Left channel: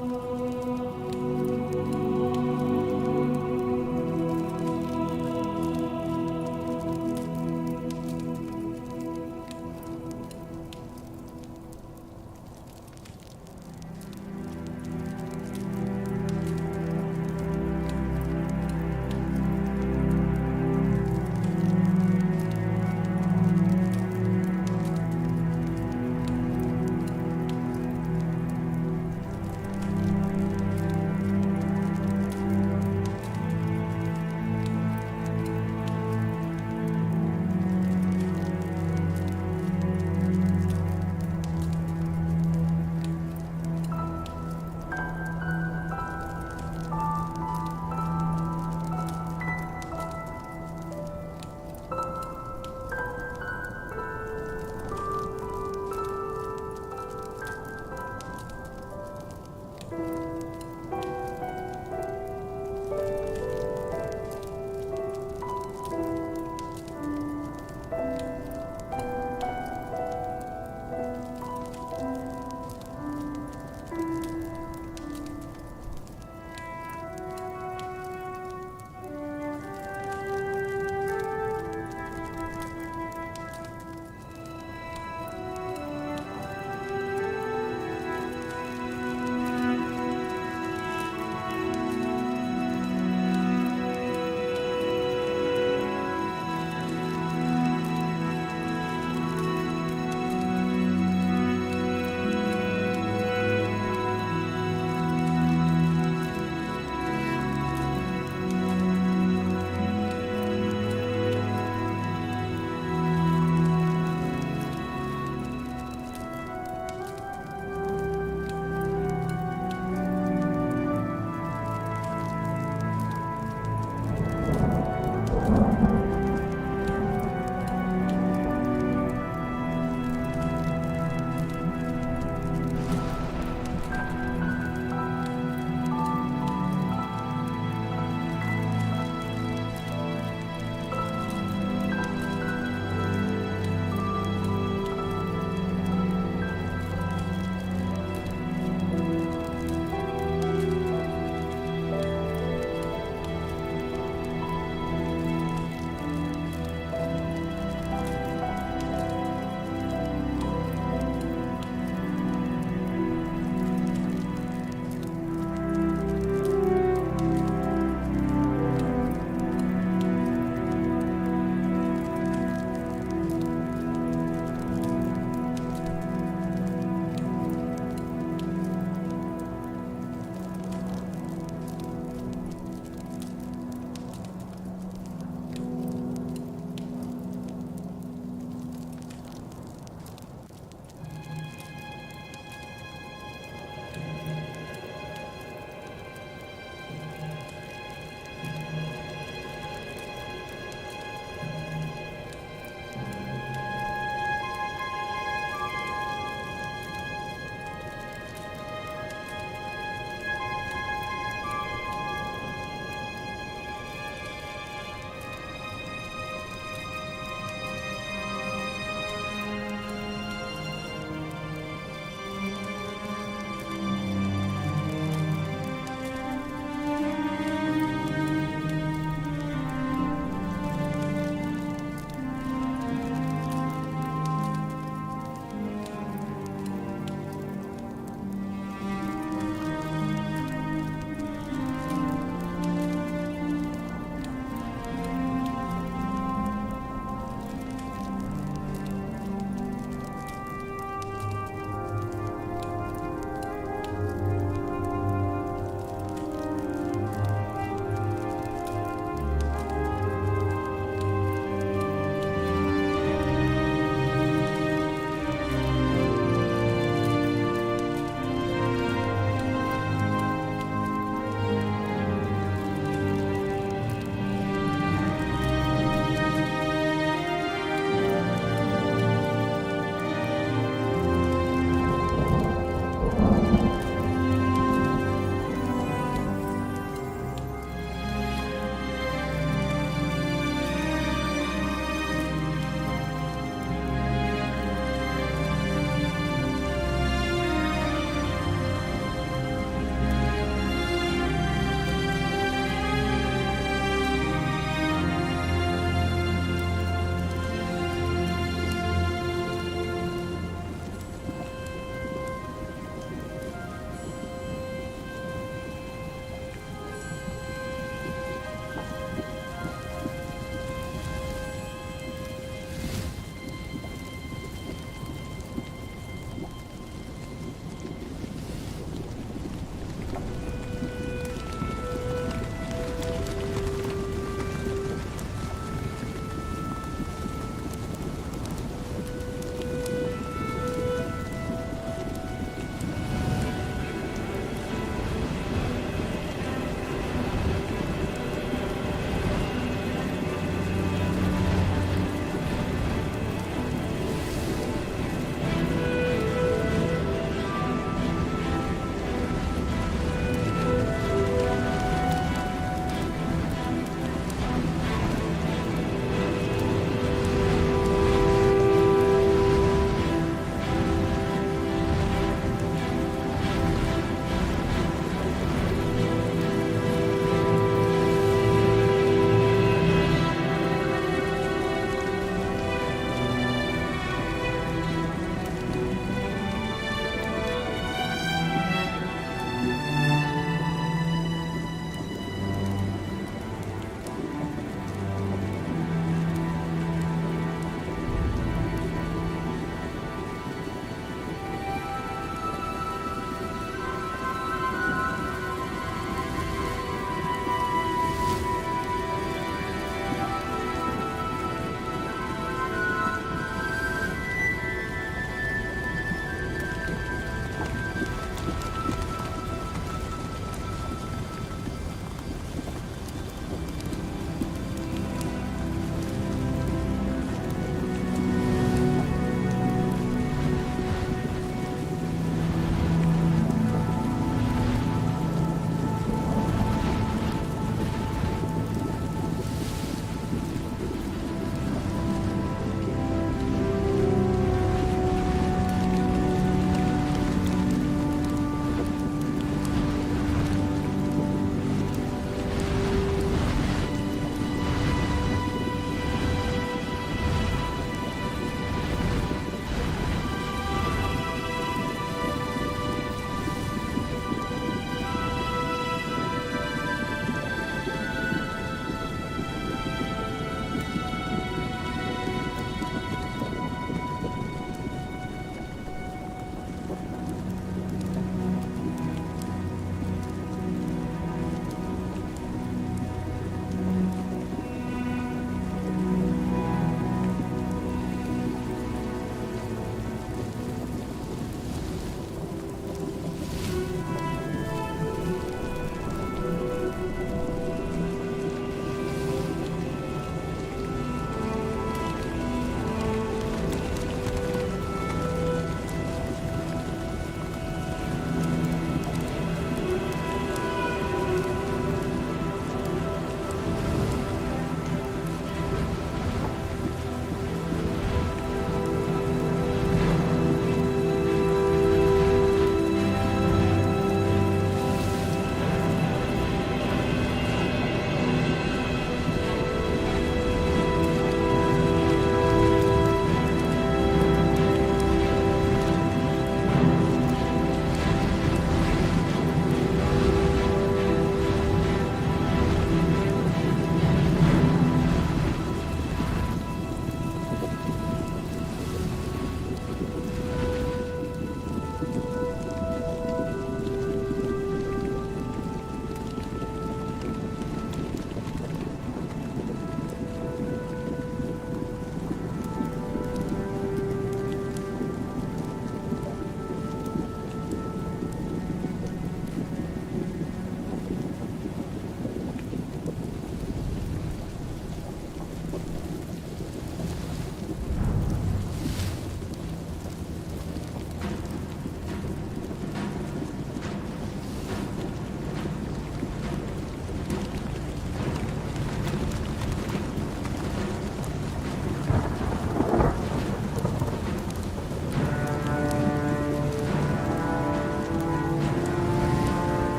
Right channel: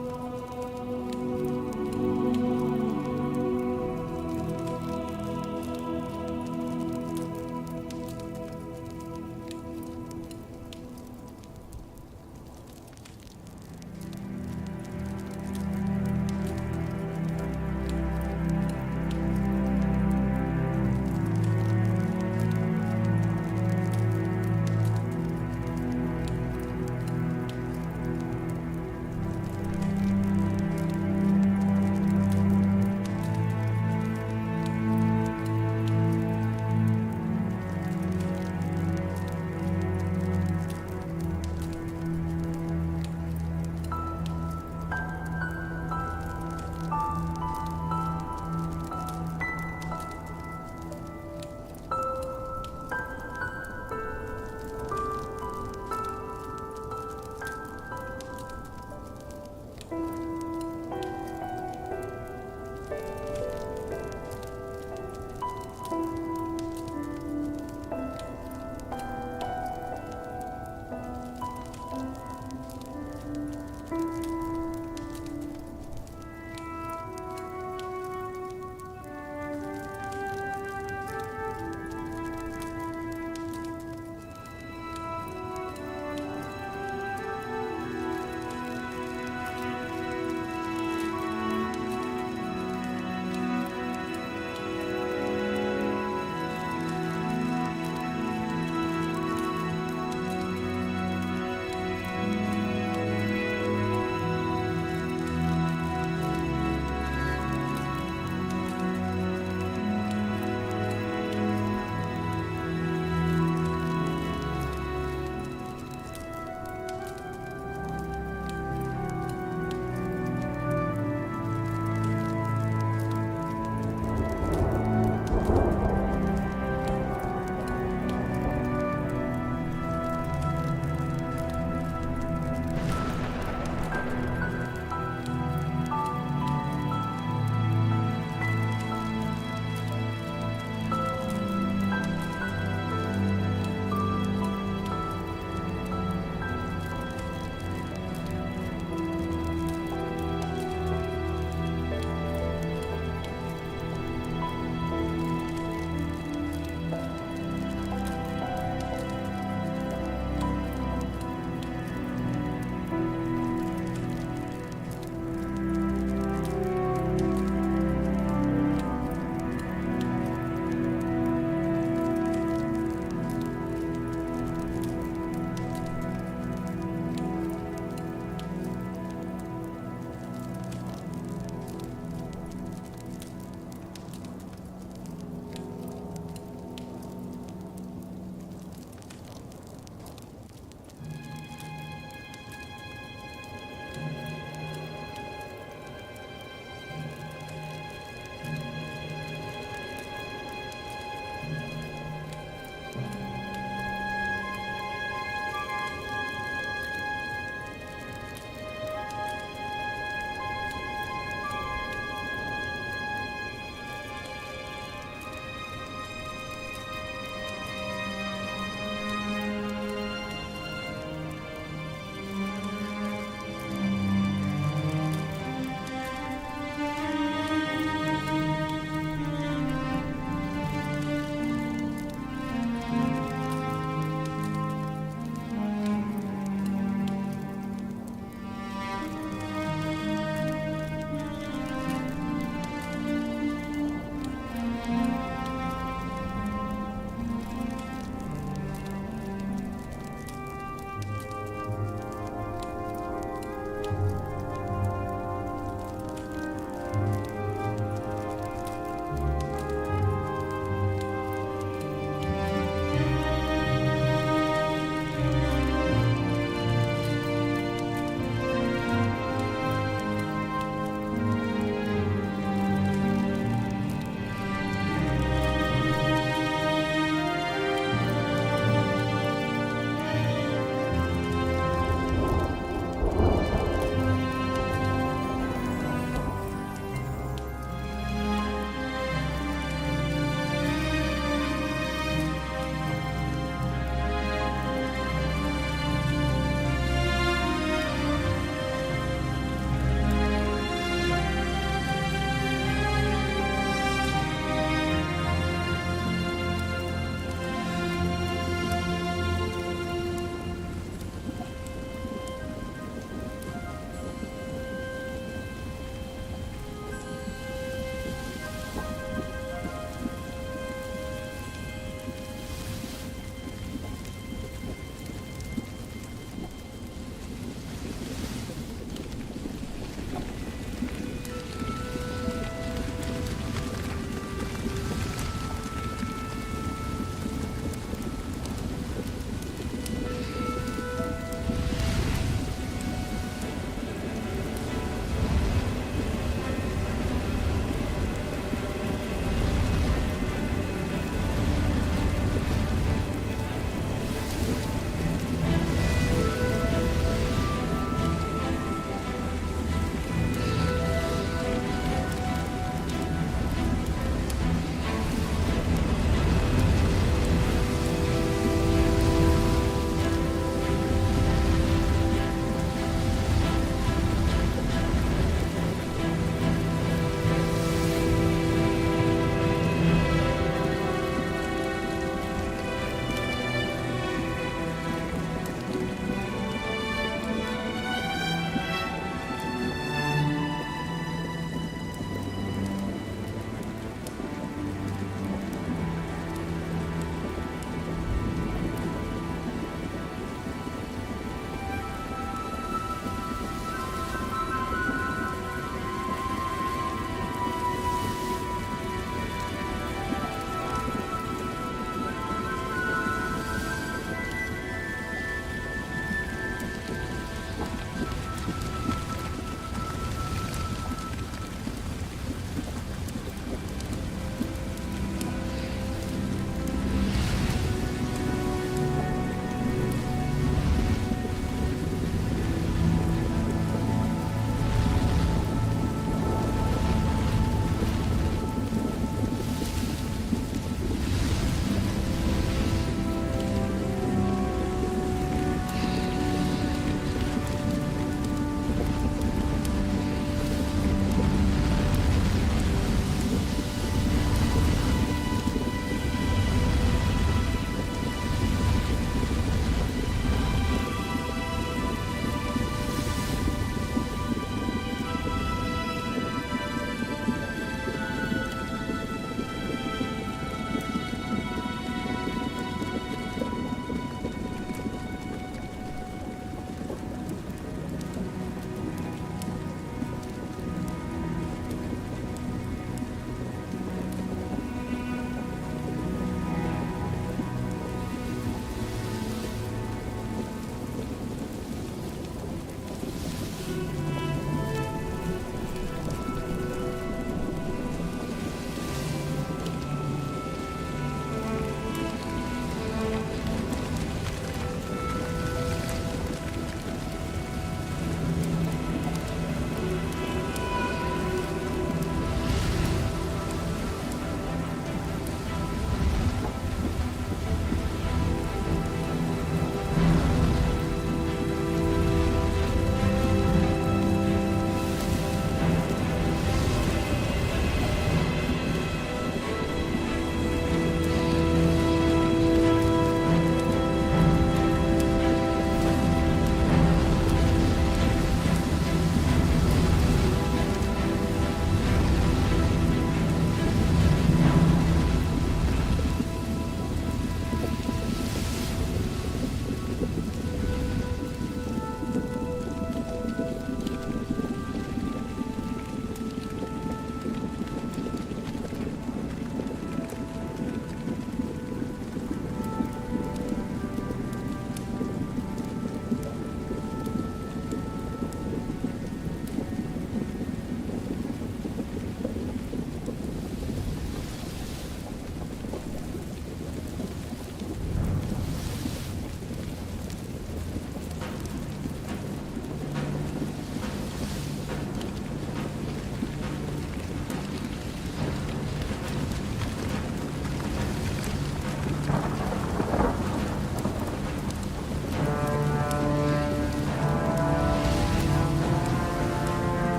อ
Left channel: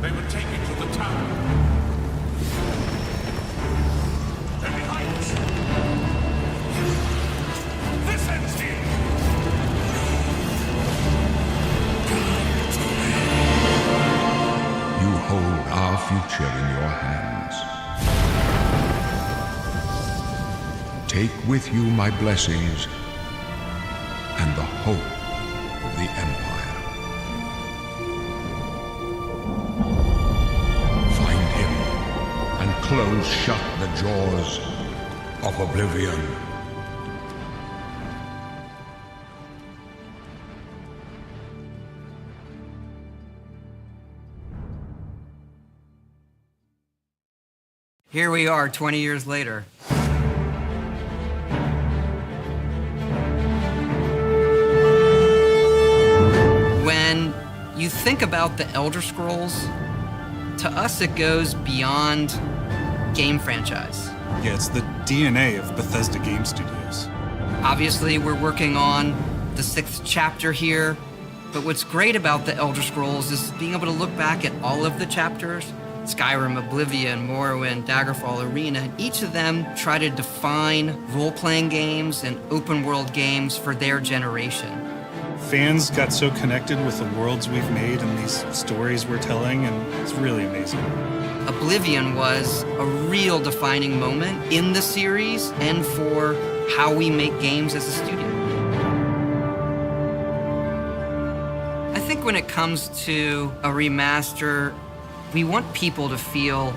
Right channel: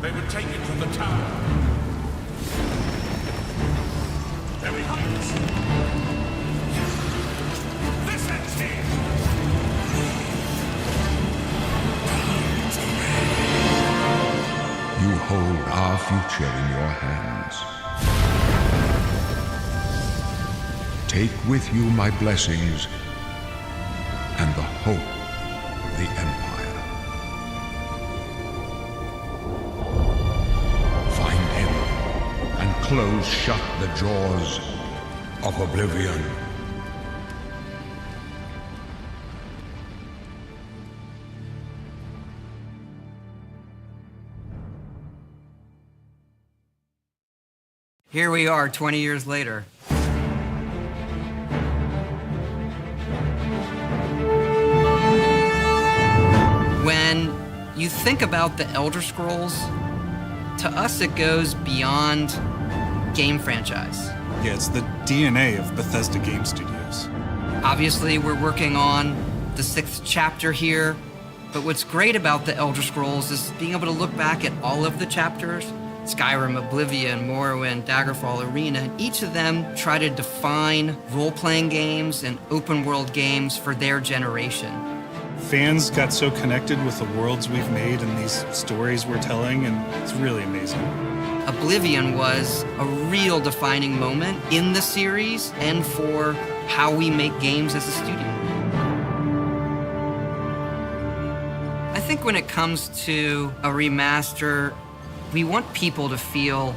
They would take it to the tower. They're behind us. This ends here. You hold our future in your hands. Take with you my blessings and the hope of the Empire. Find him and close shut the jaws of Oblivion. Here we are 20 years later. When you think about the Elder Scrolls, to us it goes beyond game franchise. Yeah, it's the DNA of Bethesda Game Studios. Obviously, we're working on the 6th chapter here, but what's great about the Elder Scrolls is being able to look back at all of the chapters, Skyrim, Oblivion, Morrowind, Daggerfall, Arena, and each of them try to define role-playing games and open-world games for their generation. Fans got so connected with the worlds we've made and these stories we're telling, and it's really amazing. Oblivion was a real defining moment in the series and for how we make games as a studio. I think when it comes to a remaster, we want people to feel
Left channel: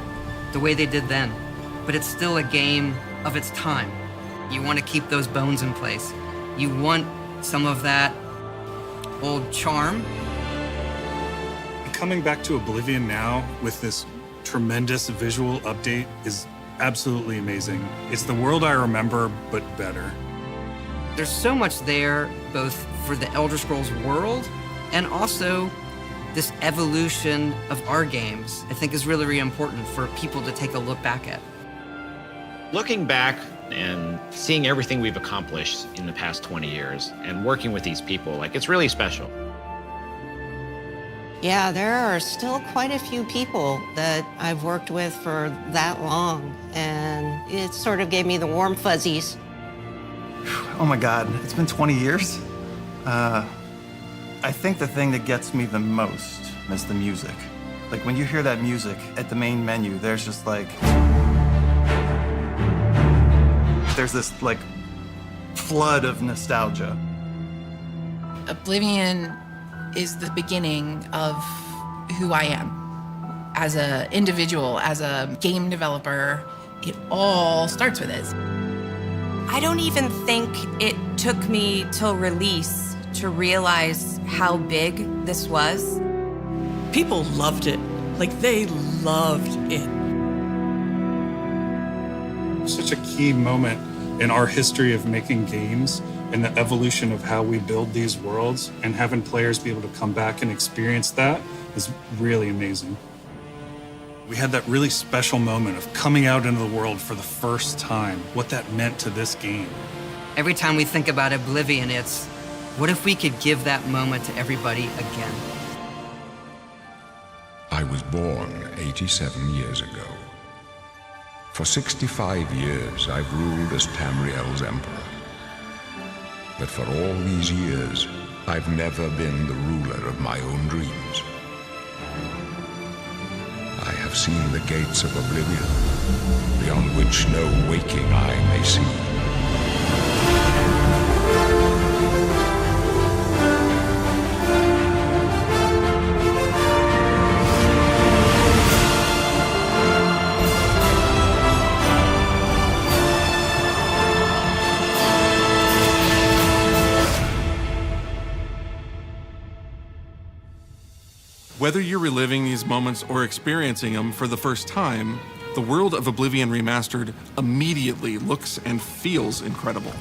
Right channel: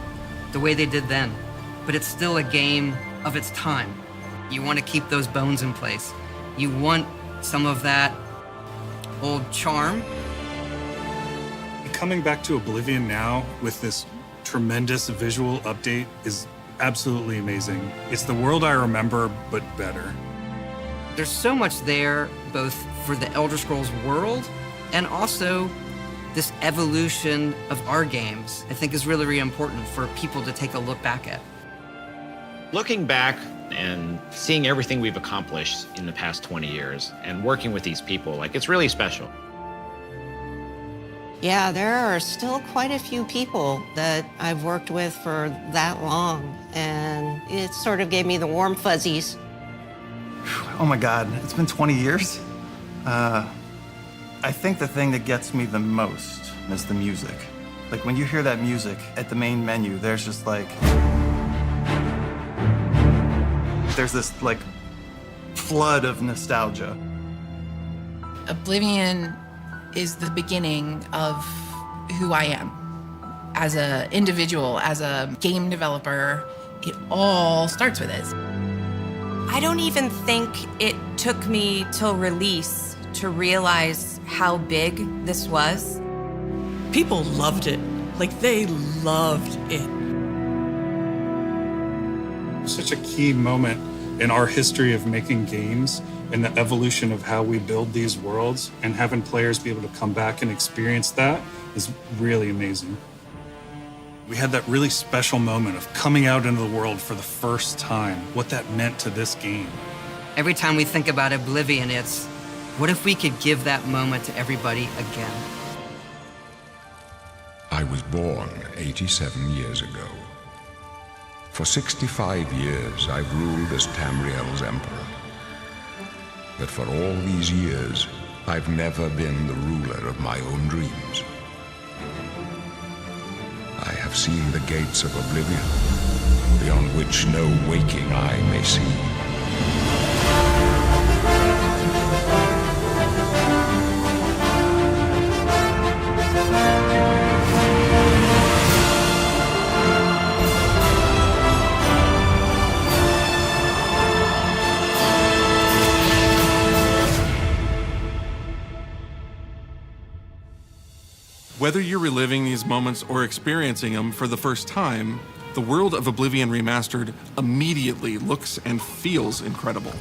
the way they did then, but it's still a game of its time. You want to keep those bones in place. You want some of that old charm. Coming back to Oblivion now with this tremendous visual update is absolutely amazing. It's the world I remember, but better. There's so much there, both for the Elder Scrolls world and also this evolution of our games, I think is really, really important for people to take a look back at. Looking back and seeing everything we've accomplished in the past 20 years and working with these people, like, it's really special. Yeah, there are still quite a few people that I've worked with for that long, and it sort of gave me the warm fuzzies. Oh my God, it's been 20 years? I think the thing that gets me the most is the music. Like when you hear that music at the main menu, there's just like, there's this like flood of nostalgia. Oblivion is the beginning of who I am. As an individual, as a game developer, it all starts with it. I don't even think it took me till release to realize how big this was. People loved it. Like, they loved it. Such a key moment in our history of making games and the evolution of how we build these worlds, and having players be able to come back and experience that is really amazing. We had that really special moment of coming out into the world for the first time, what that meant to this game. Every time we think about Oblivion, it's, what if we could give that moment to everybody again? I was born 87 years ago. For 65 years, I've ruled as Tamriel's emperor. But for all these years, I've never been the ruler of my own dreams. I have seen the gates of Oblivion, beyond which no waking eye may see. Whether you're reliving these moments or experiencing them for the first time, the world of Oblivion Remastered immediately looks and feels incredible.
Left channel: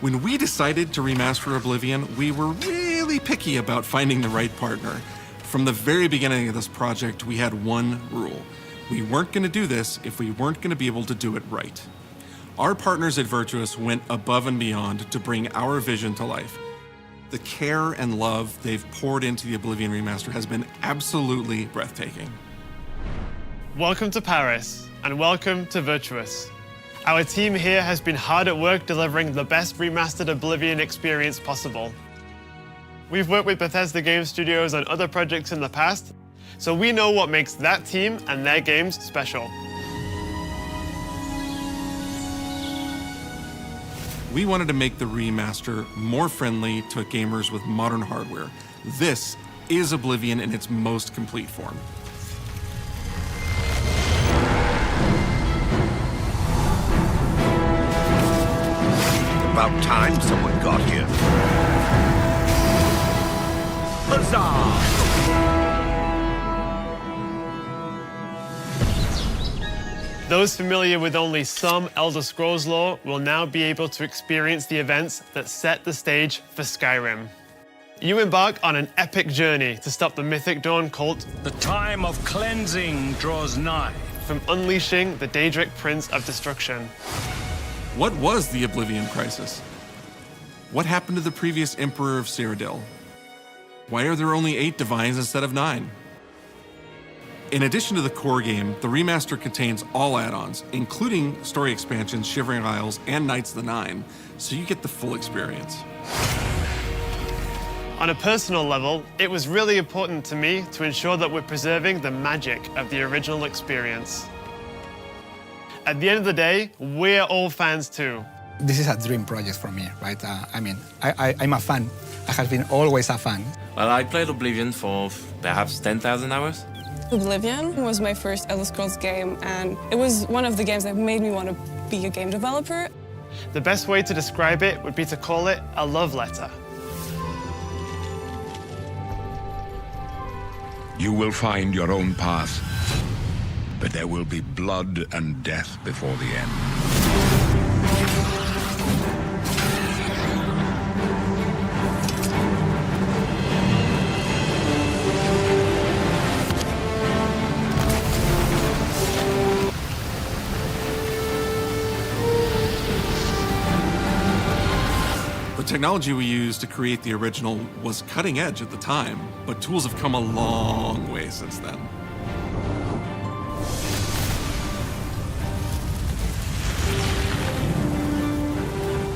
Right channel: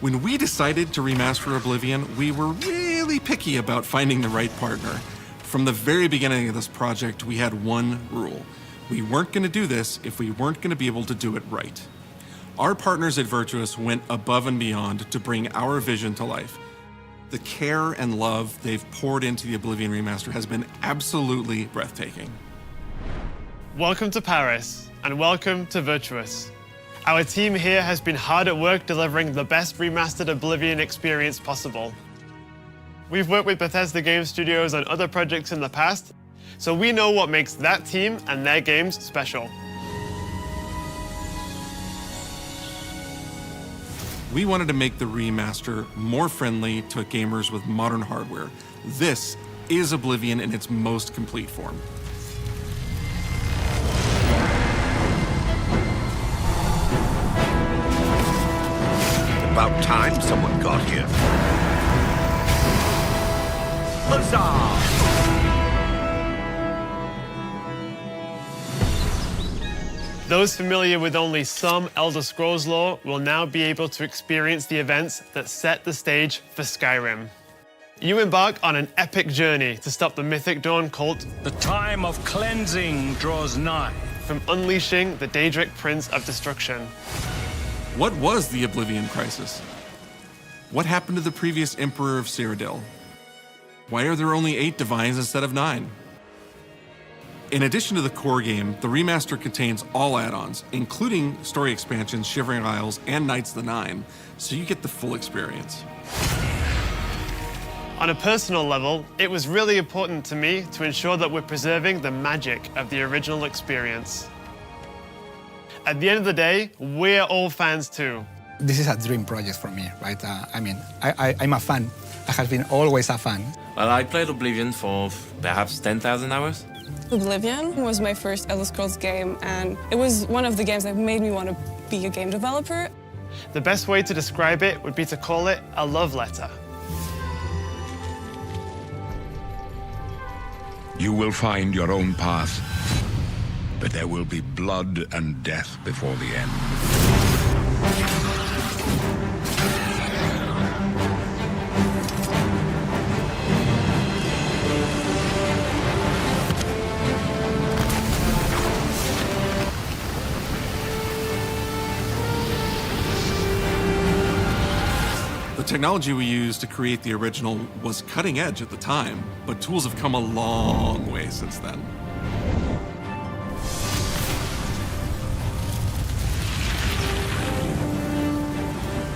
When we decided to remaster Oblivion, we were really picky about finding the right partner. From the very beginning of this project, we had one rule. We weren't going to do this if we weren't going to be able to do it right. Our partners at Virtuous went above and beyond to bring our vision to life. The care and love they've poured into the Oblivion remaster has been absolutely breathtaking. Welcome to Paris, and welcome to Virtuous. Our team here has been hard at work delivering the best remastered Oblivion experience possible. We've worked with Bethesda Game Studios on other projects in the past, so we know what makes that team and their games special. We wanted to make the remaster more friendly to gamers with modern hardware. This is Oblivion in its most complete form. About time someone got here. Huzzah! Those familiar with only some Elder Scrolls lore will now be able to experience the events that set the stage for Skyrim. You embark on an epic journey to stop the Mythic Dawn cult. The time of cleansing draws nigh. From unleashing the Daedric Prince of Destruction. What was the Oblivion Crisis? What happened to the previous Emperor of Cyrodiil? Why are there only 8 divines instead of 9? In addition to the core game, the remaster contains all add-ons, including story expansions, Shivering Isles, and Knights of the Nine, so you get the full experience. On a personal level, it was really important to me to ensure that we're preserving the magic of the original experience. At the end of the day, we're all fans too. This is a dream project for me, right? I'm a fan. I have been always a fan. Well, I played Oblivion for perhaps 10,000 hours. Oblivion was my first Elder Scrolls game, and it was one of the games that made me want to be a game developer. The best way to describe it would be to call it a love letter. You will find your own path, but there will be blood and death before the end. The technology we used to create the original was cutting edge at the time, but tools have come a long way since then.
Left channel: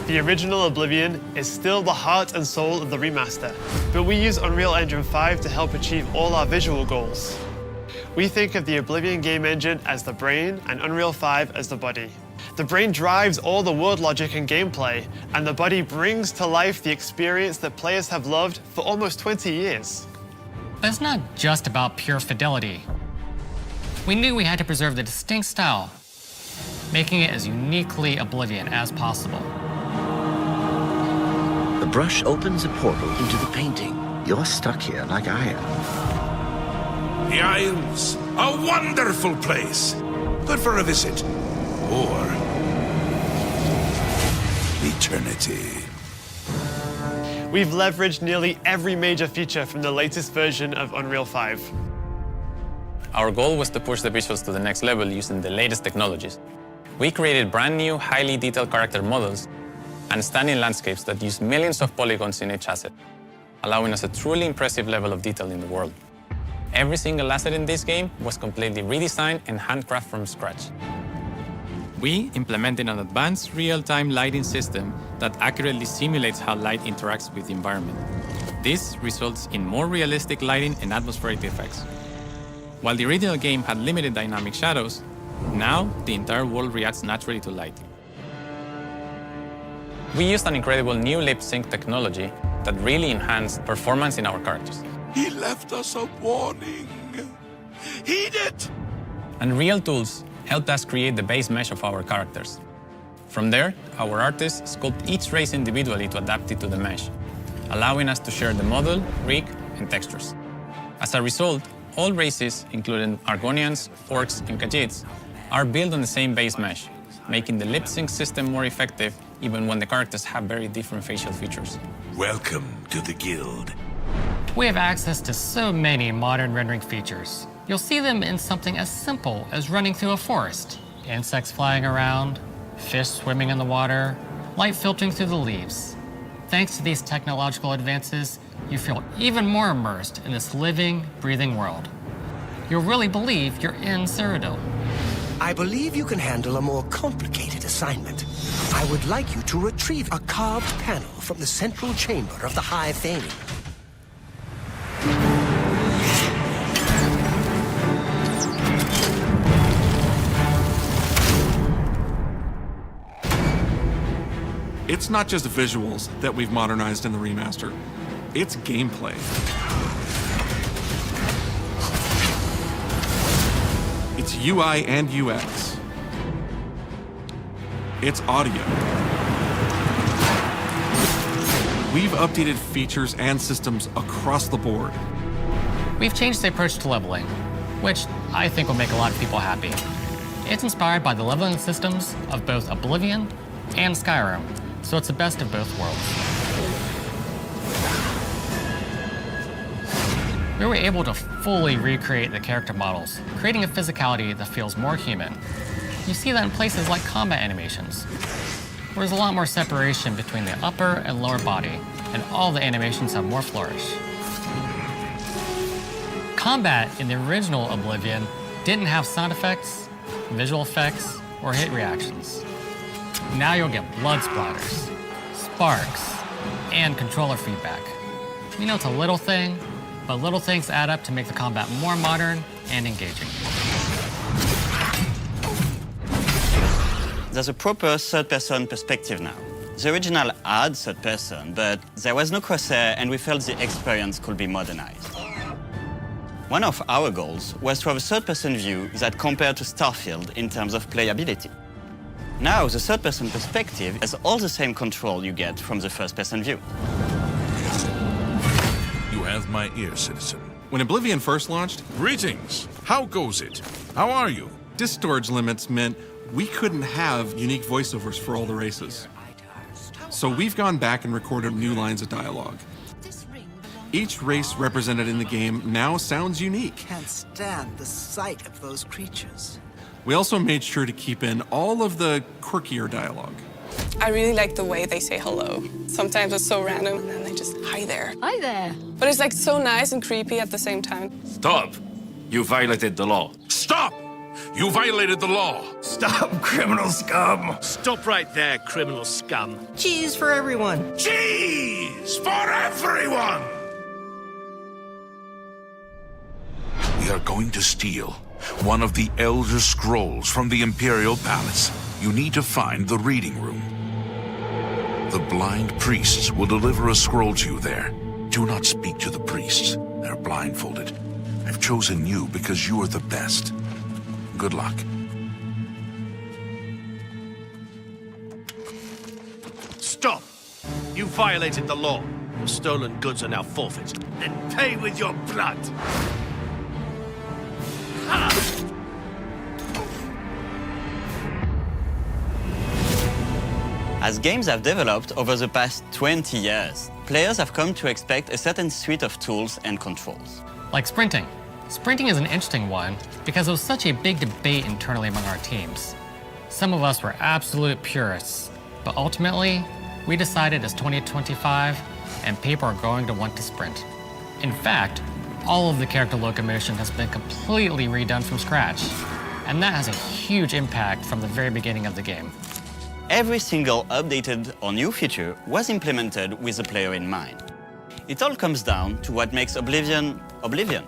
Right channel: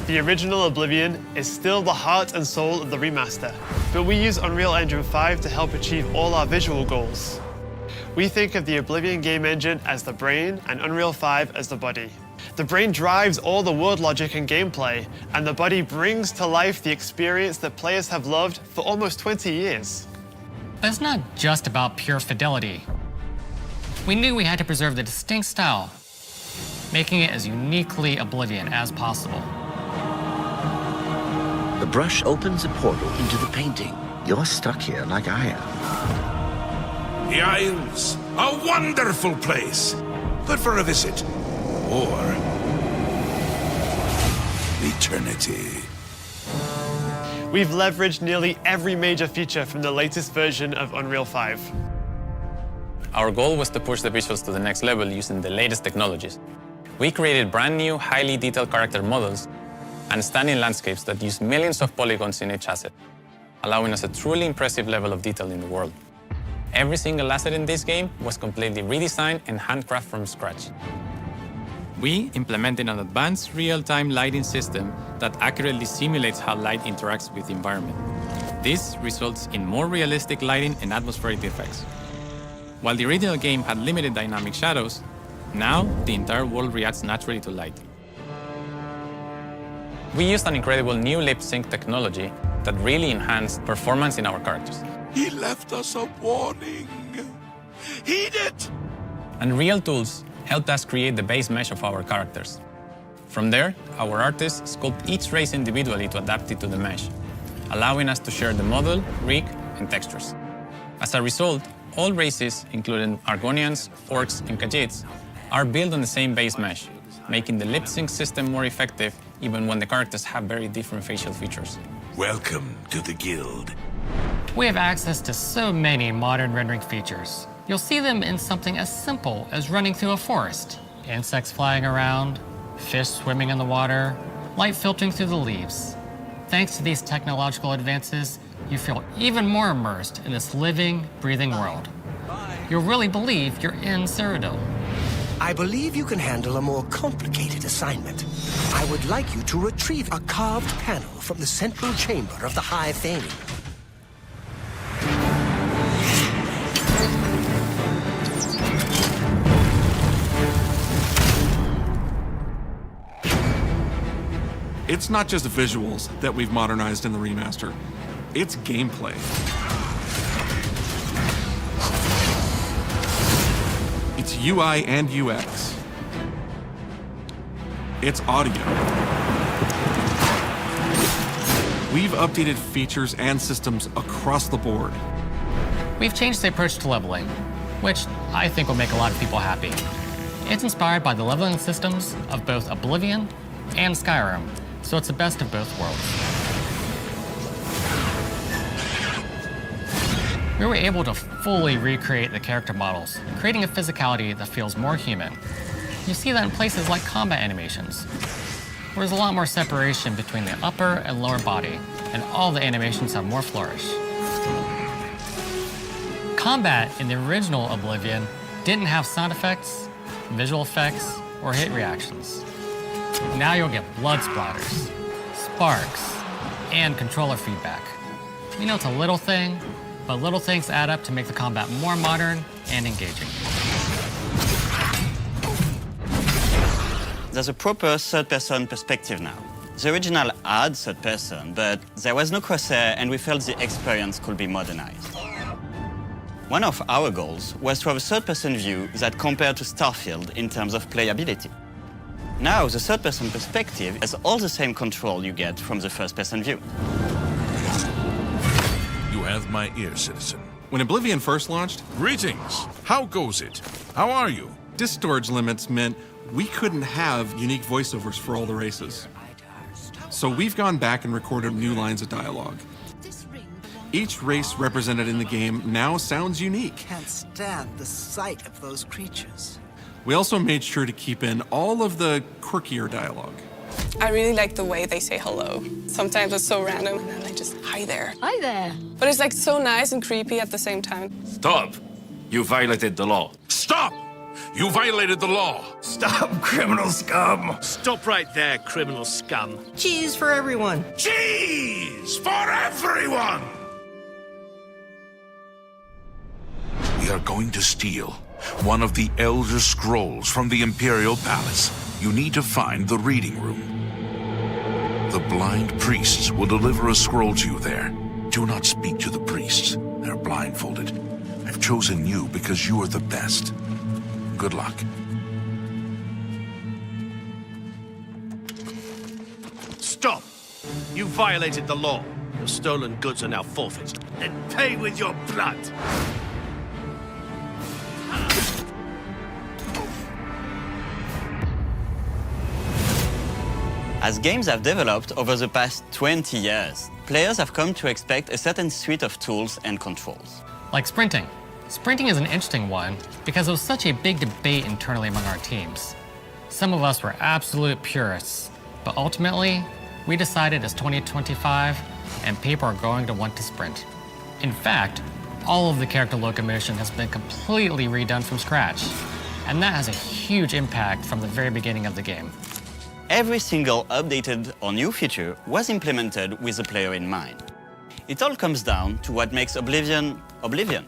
The original Oblivion is still the heart and soul of the remaster, but we use Unreal Engine 5 to help achieve all our visual goals. We think of the Oblivion game engine as the brain and Unreal 5 as the body. The brain drives all the world logic and gameplay, and the body brings to life the experience that players have loved for almost 20 years. But it's not just about pure fidelity. We knew we had to preserve the distinct style, making it as uniquely Oblivion as possible. The brush opens a portal into the painting. You're stuck here like I am. The Isles, a wonderful place. Good for a visit. Or eternity. We've leveraged nearly every major feature from the latest version of Unreal 5. Our goal was to push the visuals to the next level using the latest technologies. We created brand new, highly detailed character models and stunning landscapes that use millions of polygons in each asset, allowing us a truly impressive level of detail in the world. Every single asset in this game was completely redesigned and handcrafted from scratch. We implemented an advanced real-time lighting system that accurately simulates how light interacts with the environment. This results in more realistic lighting and atmospheric effects. While the original game had limited dynamic shadows, now the entire world reacts naturally to light. We used an incredible new lip sync technology that really enhanced performance in our characters. He left us a warning. Heed it! Unreal tools helped us create the base mesh of our characters. From there, our artists sculpt each race individually to adapt it to the mesh, allowing us to share the model, rig, and textures. As a result, all races, including Argonians, Orcs, and Khajiits, are built on the same base mesh, making the lip sync system more effective even when the characters have very different facial features. Welcome to the Guild. We have access to so many modern rendering features. You'll see them in something as simple as running through a forest, insects flying around, fish swimming in the water, light filtering through the leaves. Thanks to these technological advances, you feel even more immersed in this living, breathing world. You'll really believe you're in Cyrodiil. I believe you can handle a more complicated assignment. I would like you to retrieve a carved panel from the central chamber of the High Fane. It's not just visuals that we've modernized in the remaster, it's gameplay. It's UI and UX. It's audio. We've updated features and systems across the board. We've changed the approach to leveling, which I think will make a lot of people happy. It's inspired by the leveling systems of both Oblivion and Skyrim, so it's the best of both worlds. We were able to fully recreate the character models, creating a physicality that feels more human. You see that in places like combat animations, where there's a lot more separation between the upper and lower body, and all the animations have more flourish. Combat in the original Oblivion didn't have sound effects, visual effects, or hit reactions. Now you'll get blood splatters, sparks, and controller feedback. You know, it's a little thing, but little things add up to make the combat more modern and engaging. There's a proper third-person perspective now. The original had third-person, but there was no crosshair, and we felt the experience could be modernized. One of our goals was to have a third-person view that compared to Starfield in terms of playability. Now, the third-person perspective has all the same control you get from the first-person view. You have my ear, citizen. When Oblivion first launched, Greetings. How goes it? How are you? disk storage limits meant we couldn't have unique voiceovers for all the races. So we've gone back and recorded new lines of dialogue. Each race represented in the game now sounds unique. Can't stand the sight of those creatures. We also made sure to keep in all of the quirkier dialogue. I really like the way they say hello. Sometimes it's so random, and then they just, hi there. Hi there. But it's like so nice and creepy at the same time. Stop! You violated the law. Stop! You violated the law. Stop, criminal scum! Stop right there, criminal scum. Cheese for everyone. Cheese for everyone! We are going to steal one of the Elder Scrolls from the Imperial Palace. You need to find the reading room. The blind priests will deliver a scroll to you there. Do not speak to the priests. They're blindfolded. I've chosen you because you are the best. Good luck. Stop! You violated the law. Your stolen goods are now forfeit. Then pay with your blood! As games have developed over the past 20 years, players have come to expect a certain suite of tools and controls. Like sprinting. Sprinting is an interesting one because it was such a big debate internally among our teams. Some of us were absolute purists, but ultimately, we decided it's 2025 and people are going to want to sprint. In fact, all of the character locomotion has been completely redone from scratch, and that has a huge impact from the very beginning of the game. Every single updated or new feature was implemented with the player in mind. It all comes down to what makes Oblivion, Oblivion.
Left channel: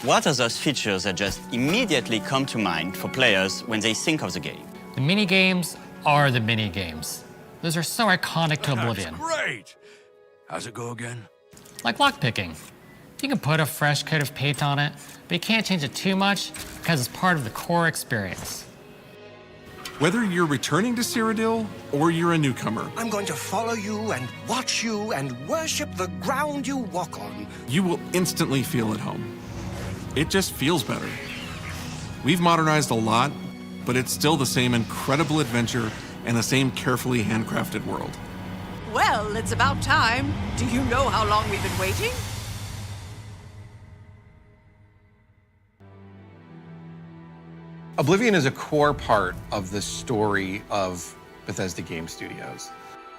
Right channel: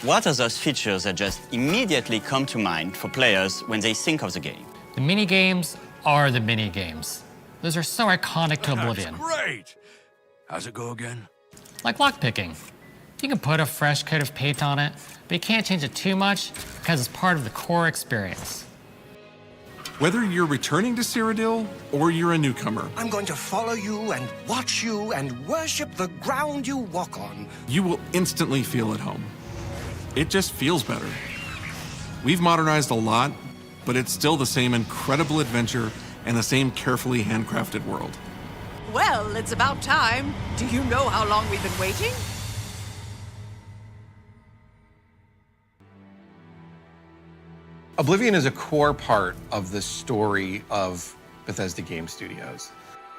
What are those features that just immediately come to mind for players when they think of the game? The mini-games are the mini-games. Those are so iconic to Oblivion. That's great! How's it go again? Like lockpicking. You can put a fresh coat of paint on it, but you can't change it too much because it's part of the core experience. Whether you're returning to Cyrodiil or you're a newcomer, I'm going to follow you and watch you and worship the ground you walk on. you will instantly feel at home. It just feels better. We've modernized a lot, but it's still the same incredible adventure and the same carefully handcrafted world. Well, it's about time. Do you know how long we've been waiting? Oblivion is a core part of the story of Bethesda Game Studios.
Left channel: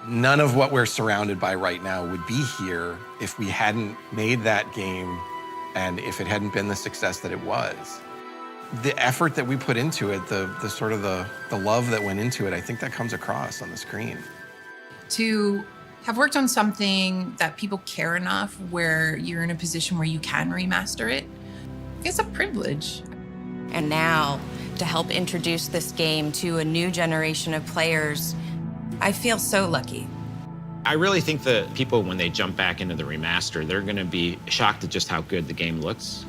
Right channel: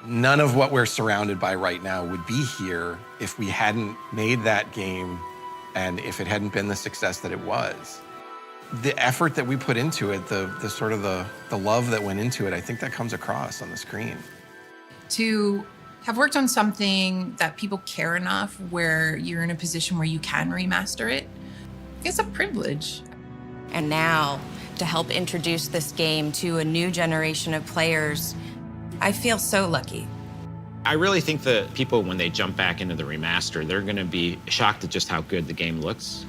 None of what we're surrounded by right now would be here if we hadn't made that game and if it hadn't been the success that it was. The effort that we put into it, the sort of the love that went into it, I think that comes across on the screen. To have worked on something that people care enough where you're in a position where you can remaster it, it's a privilege. And now, to help introduce this game to a new generation of players, I feel so lucky. I really think that people, when they jump back into the remaster, they're going to be shocked at just how good the game looks.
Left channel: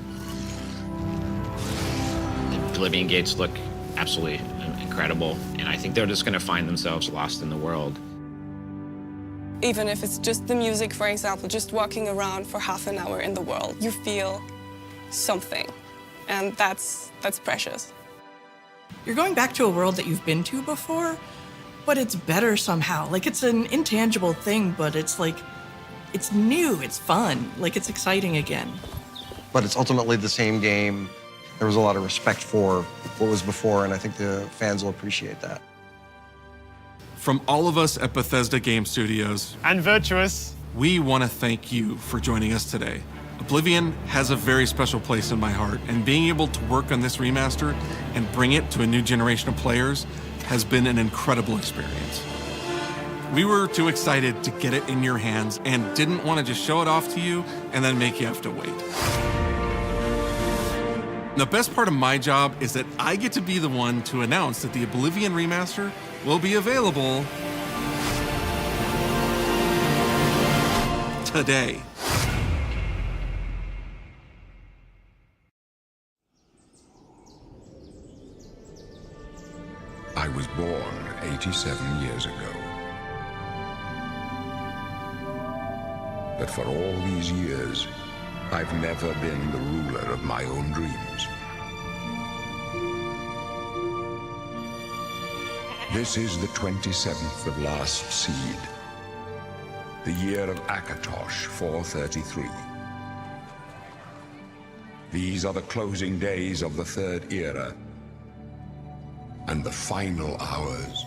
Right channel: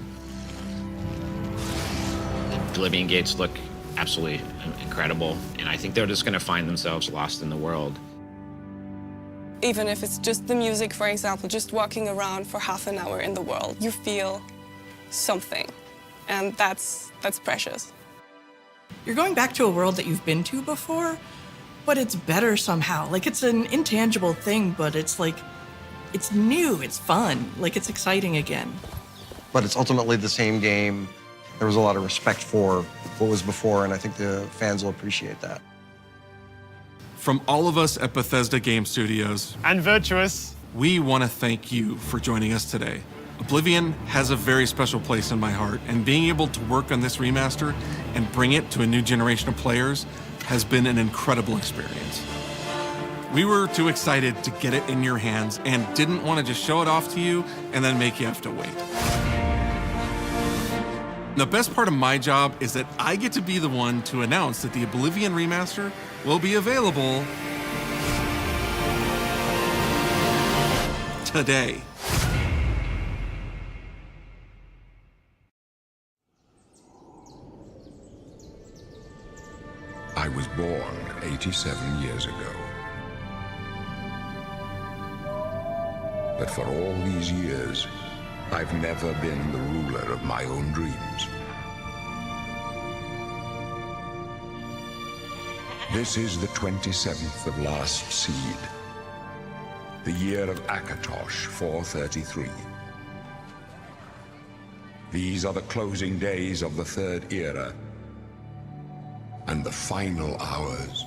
The Oblivion gates look absolutely incredible, and I think they're just going to find themselves lost in the world. Even if it's just the music, for example, just walking around for half an hour in the world, you feel something, and that's precious. You're going back to a world that you've been to before, but it's better somehow. Like, it's an intangible thing, but it's like, it's new, it's fun, like it's exciting again. But it's ultimately the same game. There was a lot of respect for what was before, and I think the fans will appreciate that. From all of us at Bethesda Game Studios and Virtuous, we want to thank you for joining us today. Oblivion has a very special place in my heart, and being able to work on this remaster and bring it to a new generation of players has been an incredible experience. We were too excited to get it in your hands and didn't want to just show it off to you and then make you have to wait. The best part of my job is that I get to be the one to announce that the Oblivion remaster will be available today. I was born 87 years ago. But for all these years, I've never been the ruler of my own dreams. This is the 27th of last seed, the year of Akatosh 433. These are the closing days of the Third Era, and the final hours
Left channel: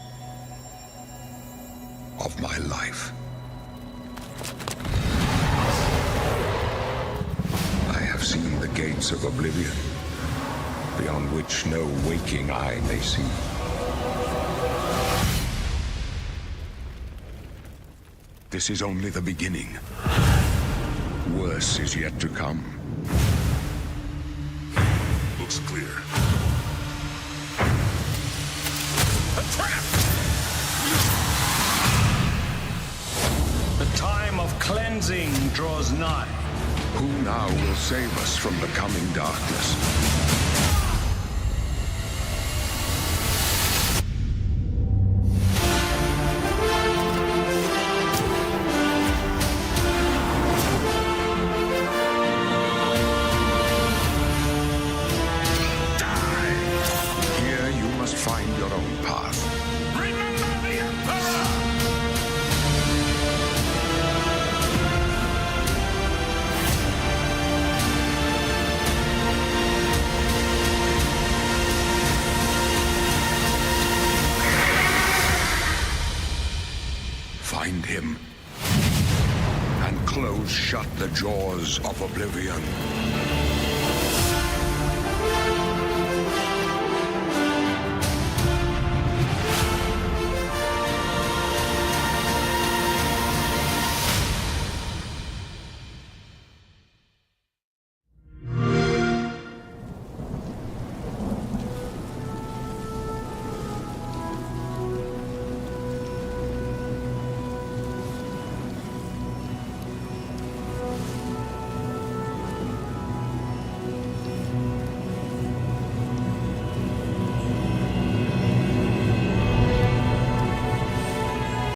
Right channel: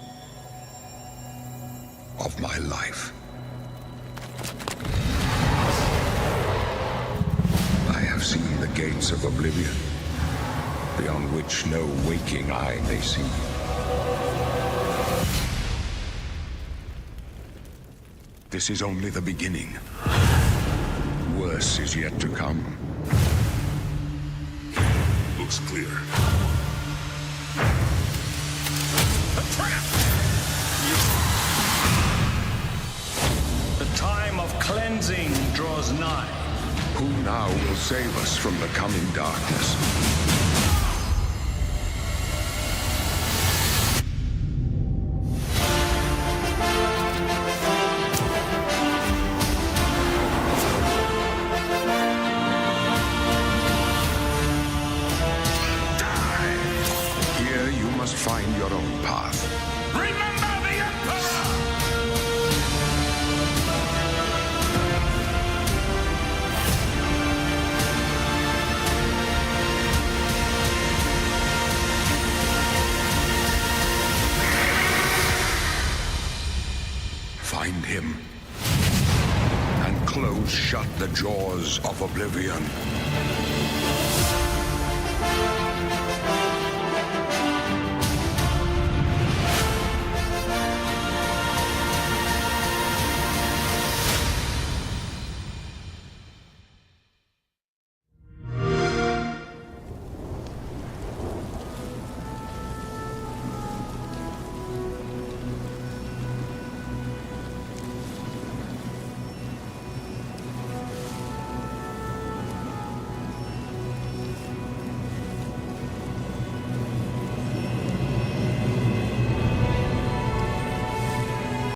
of my life. I have seen the gates of Oblivion, beyond which no waking eye may see. This is only the beginning. Worse is yet to come. Looks clear. The time of cleansing draws nigh. Who now will save us from the coming darkness? Die! Here you must find your own path. Remember the Emperor! Find him and close shut the jaws of Oblivion.